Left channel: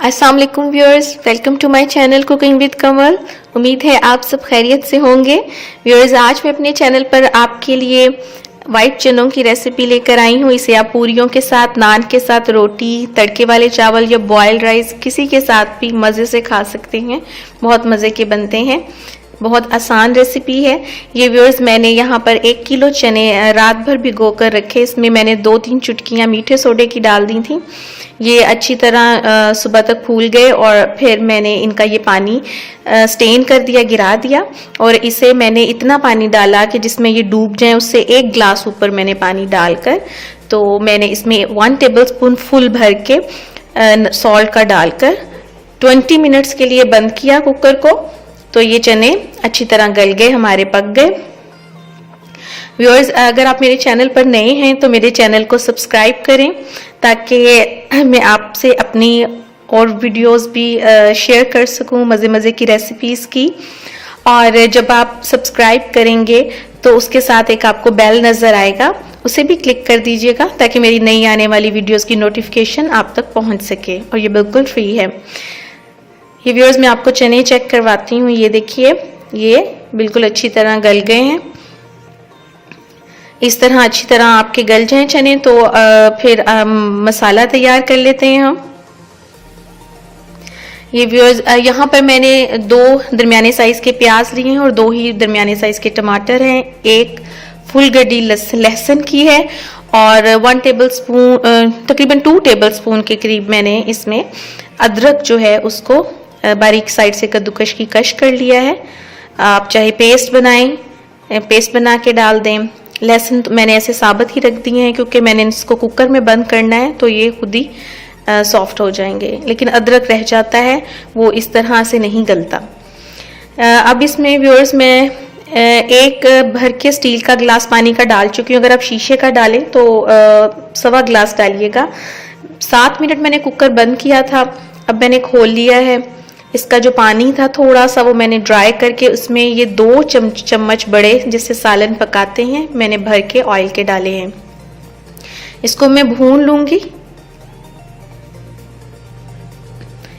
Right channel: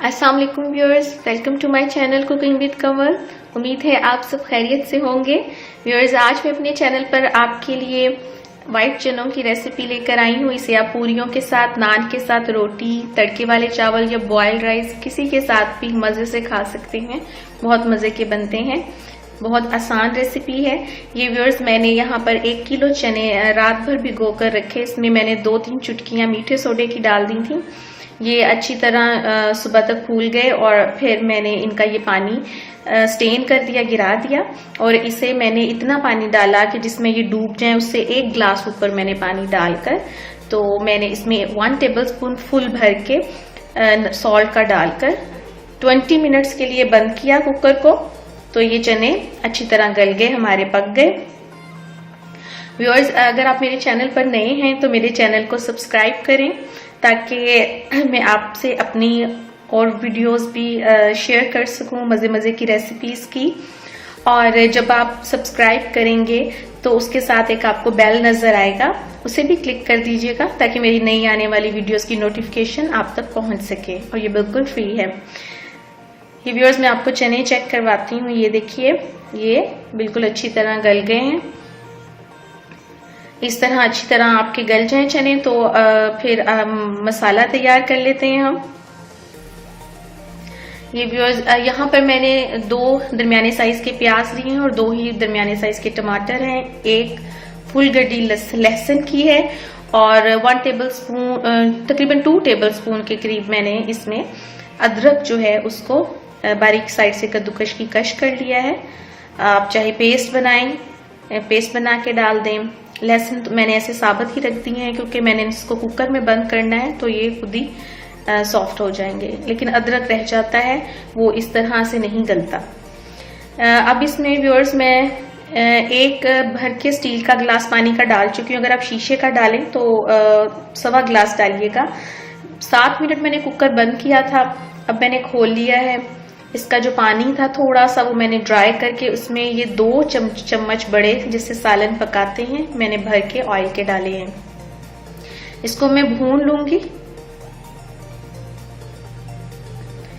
अस्सलाम वालेकुम viewers, welcome to my channel cooking with Kamal. उम्मीद है आप सब खैरियत से होंगे। व्यूअर्स, आज मैं अपने चैनल पर आपके लिए वाइट चनों की रेसिपी लेकर आई हूँ। इसे आप पूरियों के साथ, नान के साथ, रोटी, तड़के वाले चावल या बॉयल्ड राइस किसी के साथ भी मज़े से खा सकते हैं। बहुत मज़े के बनते हैं, बहुत आसान रेसिपी है ये। व्यूअर्स, मैंने यहाँ पर 1 किलो चने रात भर भिगो कर रखे। इसमें मैंने 2-3 चुटकियाँ मीठे सोडे की डाल दी थी। ये अच्छी तरह सुबह तक फूल गए और फिर मैंने इनका ये पानी स्टेन कर दिया, गिरा दिया। और इसे मैंने इतना पानी डाला कि जिसमें ये डूब जाए, उससे 1 गिलास ऊपर मैंने पानी डालकर, तो मैंने इसमें 1 टेबलस्पून फुल भर के सॉल्ट का डालकर 20 मिनट्स के लिए बंद किया कुकर को। तो ये चने अच्छी तरह गल गए, हमारे पक गए। व्यूअर्स, अगर आप मेरे चैनल पर नए हैं तो मेरे चैनल को सब्सक्राइब करें ताकि मैं आपसे अपनी और वीडियोस भी शेयर कर सकूं, मज़े मज़े की रेसिपीज़ की। और जब आप सब्सक्राइब करेंगे तो उसके साथ एक आपको बेल नज़र आएगा, उसे भी क्लिक कर दीजिएगा ताकि मेरी नई आने वाली वीडियोस की नोटिफिकेशन आप तक पहुंच सके। और ये बिल्कुल फ्री है। ये व्यूअर्स, मैं आपको चने चेक करवाती हूँ। ये देखिए, ये बिल्कुल अच्छी तरह गल गए हैं। इस तरह अच्छी तरह आपके गल जाएं चने तो फिर मसाला तैयार कर लेते हैं हम। ये व्यूअर्स, यहाँ पर मैंने 2 दरमियाने साइज के प्याज लिए हैं और 2 ही दरमियाने साइज के टमाटर हैं। 1 फुल गड्डी लहसुन की है और 1 टेबलस्पून, तकरीबन 2 टेबलस्पून के करीब मैंने इसमें अदरक जो है उसको बारीक साइड से कद्दूकश की कश कर लिया है। आप चाहे पेस्ट बनाएं, पेस्ट बना के डाल दें। लहसुन तो मैंने ऐसे साबित ही रख दिए हैं क्योंकि मैंने इसको कुकर में बंद करना है तो ये खुद ही सॉफ्ट हो जाएंगे। लेकिन अदरक रह जाता है, वो इस तरह से नहीं गलता। अब इसमें व्यूअर्स मैं 1 भर के स्टील का गिलास पानी का डाल चुकी हूँ। अगर आप शीशे का डालें तो 1.25 गिलास डालिएगा। 7 मिनट मैंने कुकर बंद किया था। अब मैंने खोल लिया है। इसका जो पानी था थोड़ा सा, वो मैंने ड्राई करके उसमें ये 2 चम्मच बड़े जिससे सालन पकाते हैं, मैंने भर के ऑयल के डाले हैं। इसको मैं भून लूंगी।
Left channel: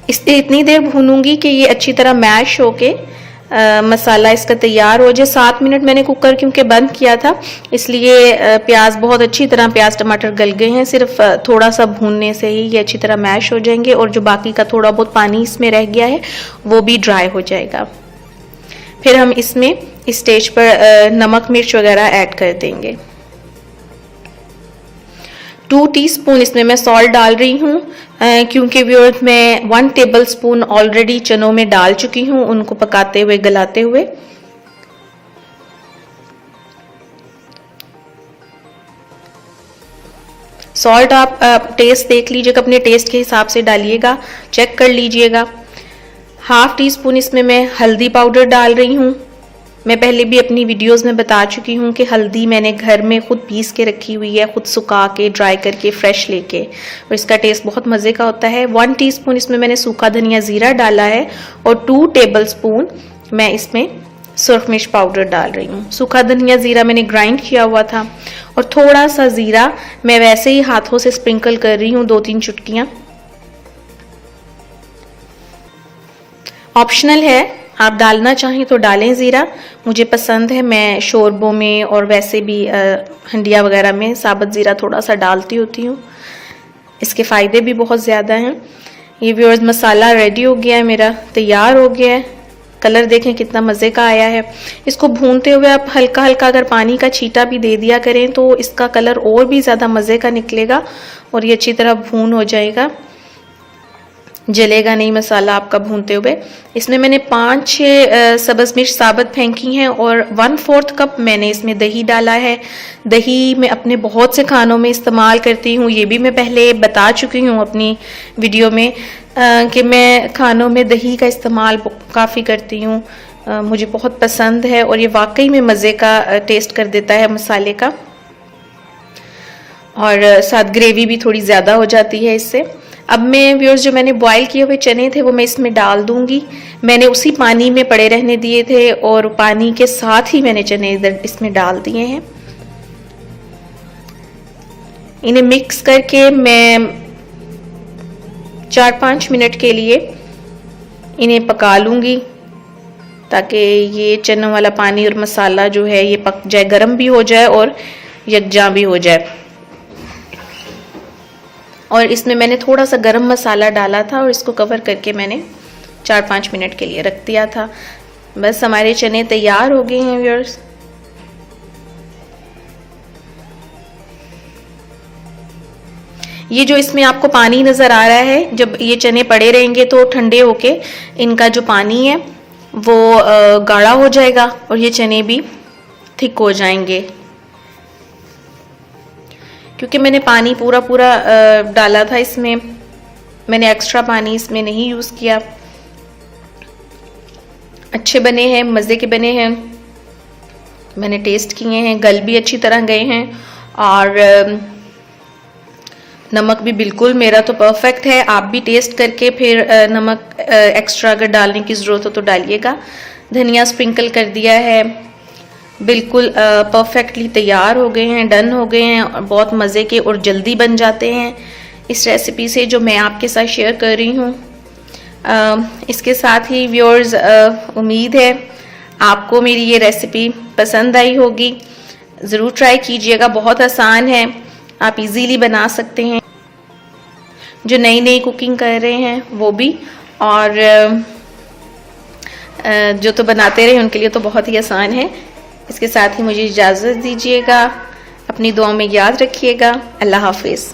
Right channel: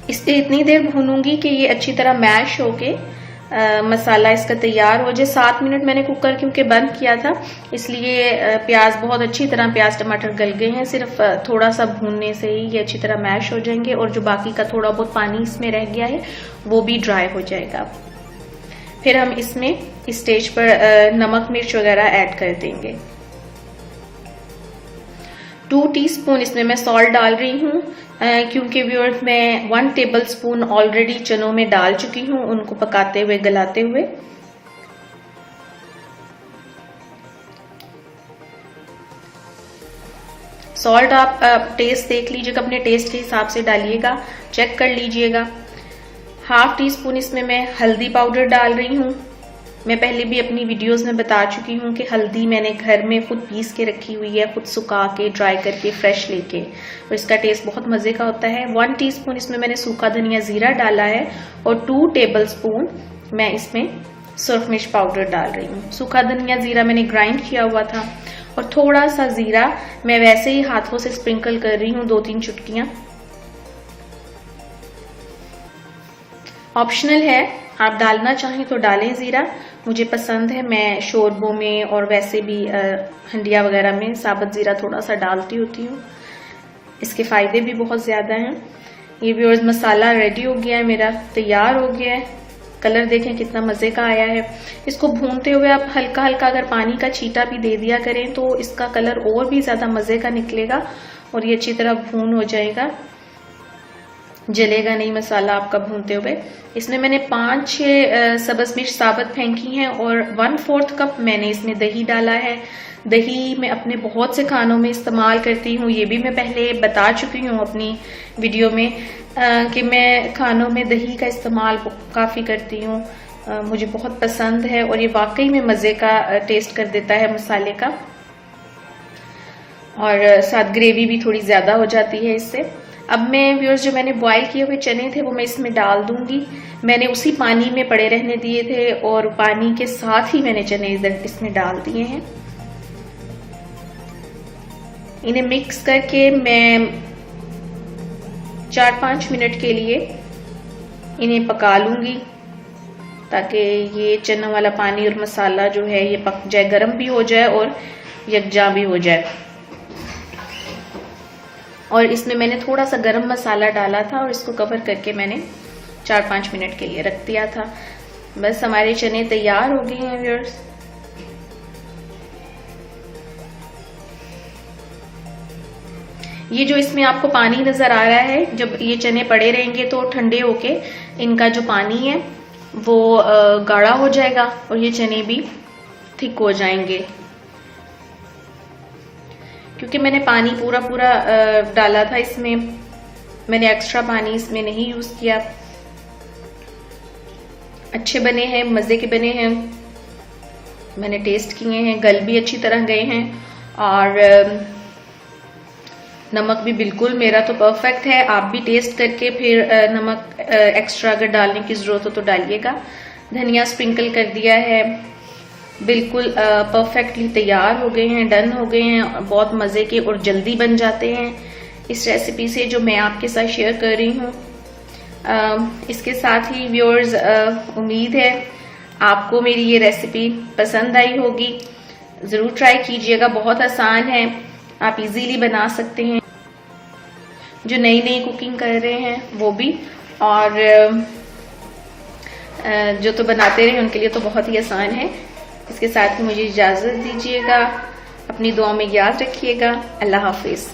इससे इतनी देर भूनूंगी कि ये अच्छी तरह मैश होके मसाला इसका तैयार हो जाए। 7 मिनट मैंने कुकर क्योंकि बंद किया था, इसलिए प्याज बहुत अच्छी तरह, प्याज टमाटर गल गए हैं। सिर्फ थोड़ा सा भूनने से ही ये अच्छी तरह मैश हो जाएंगे और जो बाकी का थोड़ा बहुत पानी इसमें रह गया है वो भी ड्राई हो जाएगा। फिर हम इसमें इस स्टेज पर नमक मिर्च वगैरह ऐड कर देंगे। 2 टीस्पून इसमें मैं सॉल्ट डाल रही हूँ क्योंकि व्यूअर्स मैं 1 टेबलस्पून ऑलरेडी चनों में डाल चुकी हूँ, उनको पकाते हुए, गलाते हुए। सॉल्ट आप टेस्ट देख लीजिएगा, अपने टेस्ट के हिसाब से डालिएगा, चेक कर लीजिएगा। 1/2 टीस्पून इसमें मैं हल्दी पाउडर डाल रही हूँ। मैं पहले भी अपनी वीडियोस में बता चुकी हूँ कि हल्दी मैंने घर में खुद पीस के रखी हुई है, खुद सुखा के, ड्राई करके, फ्रेश लेके, और इसका टेस्ट बहुत मज़े का होता है। 1 टीस्पून इसमें मैंने सूखा धनिया ज़ीरा डाला है और 2 टेबलस्पून मैं इसमें सुरख मिर्च पाउडर डाल रही हूँ। सूखा धनिया ज़ीरा मैंने ग्राइंड किया हुआ था और थोड़ा सा ज़ीरा मैं वैसे ही हाथों से स्प्रिंकल कर रही हूँ, 2-3 चुटकियाँ। ऑप्शनल है, आप डालना चाहें तो डालें ज़ीरा। मुझे पसंद है, मैं शोरबों में और वैसे भी हंडिया वगैरह में साबुत ज़ीरा थोड़ा सा डालती होती हूँ। इसके फ़ायदे भी बहुत ज़्यादा हैं। ये व्यूअर्स, मसाला रेडी हो गया है मेरा, तैयार हो गया है। कलर देखें कितना मज़े का आया है। इसको भूनते हुए आप हल्का हल्का अगर पानी का छींटा भी दे दिया करें तो इसका कलर और भी ज़्यादा मज़े का निकलेगा और ये अच्छी तरह भून हो जाएगा, जलेगा नहीं मसाला आपका भूनते हुए। इसमें मैंने 5-6 सब्ज़ मिर्च साबुत फेंकी हैं और 1/4 कप मैंने इसमें दही डाला है। दही मैं अपने बहुत से खानों में इस्तेमाल करती हूँ, ये भी मैं पहले बता चुकी हूँ अपनी वीडियो में कि मैं खानों में दही का इस्तेमाल काफ़ी करती हूँ। मुझे बहुत पसंद है और ये वाकई में मज़े का टेस्ट कर देता है मसाले का, और साथ ग्रेवी भी थोड़ी ज़्यादा हो जाती है इससे। अब मैं व्यूअर्स, जो मैंने बॉयल किए हुए चने थे वो मैं इसमें डाल दूंगी। मैंने उसी पानी में पड़े रहने दिए थे और पानी के साथ ही मैंने चने इधर इसमें डाल दिए हैं। इन्हें मिक्स करके मैं 4-5 मिनट के लिए इन्हें पका लूँगी ताकि ये चनों वाला पानी और मसाला जो है ये पक जाए, गर्म भी हो जाए और यकजा भी हो जाए। और इसमें मैंने थोड़ा सा गरम मसाला डाला था और इसको कवर करके मैंने 4-5 मिनट के लिए रख दिया था। बस हमारे चने तैयार हो गए हैं व्यूअर्स। ये जो इसमें आपको पानी नज़र आ रहा है, जब ये चने पड़े रहेंगे तो ठंडे होके इनका जो पानी है वो गाढ़ा हो जाएगा और ये चने भी थिक हो जाएंगे। क्योंकि मैंने पानी पूरा डाला था इसमें, मैंने एक्स्ट्रा पानी इसमें नहीं यूज़ किया। अच्छे बने हैं, मज़े के बने हैं, मैंने टेस्ट किए हैं, गल भी अच्छी तरह गए हैं और नमक भी बिल्कुल मेरा तो परफेक्ट है। आप भी टेस्ट करके फिर नमक एक्स्ट्रा अगर डालने की ज़रूरत हो तो डालिएगा। धनिया स्प्रिंकल कर दिया है, बिल्कुल परफेक्टली तैयार हो गए हैं, डन हो गए हैं। बहुत मज़े के और जल्दी बन जाते हैं इस रेसिपी से जो मैं आपके साथ शेयर कर रही हूँ। इसके साथ ही व्यूअर्स, उम्मीद है आपको मेरी ये रेसिपी पसंद आई होगी। ज़रूर ट्राई कीजिएगा, बहुत आसान है, आप इजीली बना सकते हैं। जो नई कुकिंग कर रहे हैं वो भी, और जो तो बनाते रहे उनके लिए तो बहुत ही आसान है। इसके साथ ही मुझे इजाज़त दीजिएगा, अपनी दुआ में याद रखिएगा। अल्लाह हाफिज़।